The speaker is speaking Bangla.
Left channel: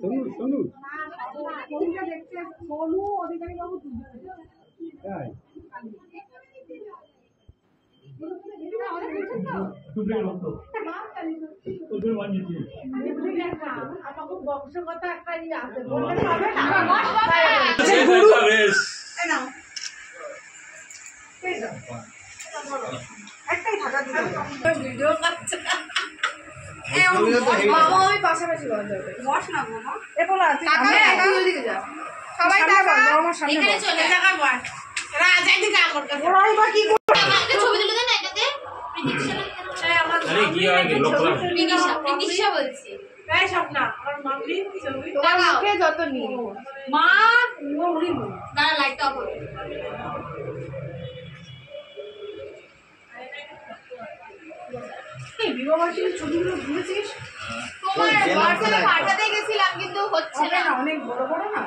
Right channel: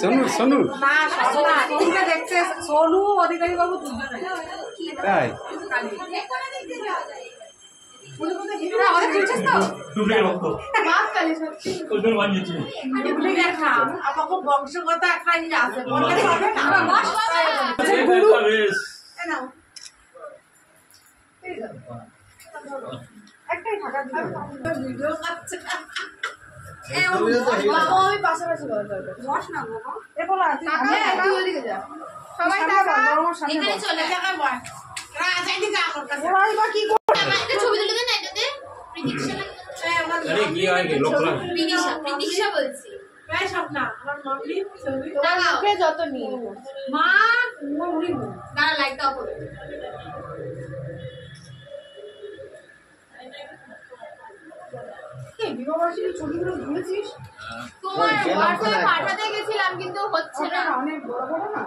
সোনু সোনু না সোনুকে দেখতে সোনু অধিকারী বাবু দুজনে তাই আমাদের খুলছিস তো আমাকে বংশগত একটা ইয়ে আছে বললে হবে না একটাই থাকা ভিডিও কাটছে আমি পাশাপাশি বস না বাবা এ বলা তুই ওদিকে যা সবাই এখানে চলে টাকা বস রাজা দিকে আমার কাছে ওরাই বা কি করে একটা ছবি তুলে দেন এটাতে প্রতীক্ষা আরে কি হয় কি লোক প্রতীক্ষা বলছি এই স্বপ্না আমার মাম্মি ছবি লাগাও যত নিয়ে মা মুড়ি না লাইটটা অফ করো এই বিবাহবার্ষিকীর ছবিগুলো ভুলেছিস তোমার হোয়াটসঅ্যাপে পাঠাতে গেছিলাম কিন্তু হচ্ছে না অনেক বড় বড় না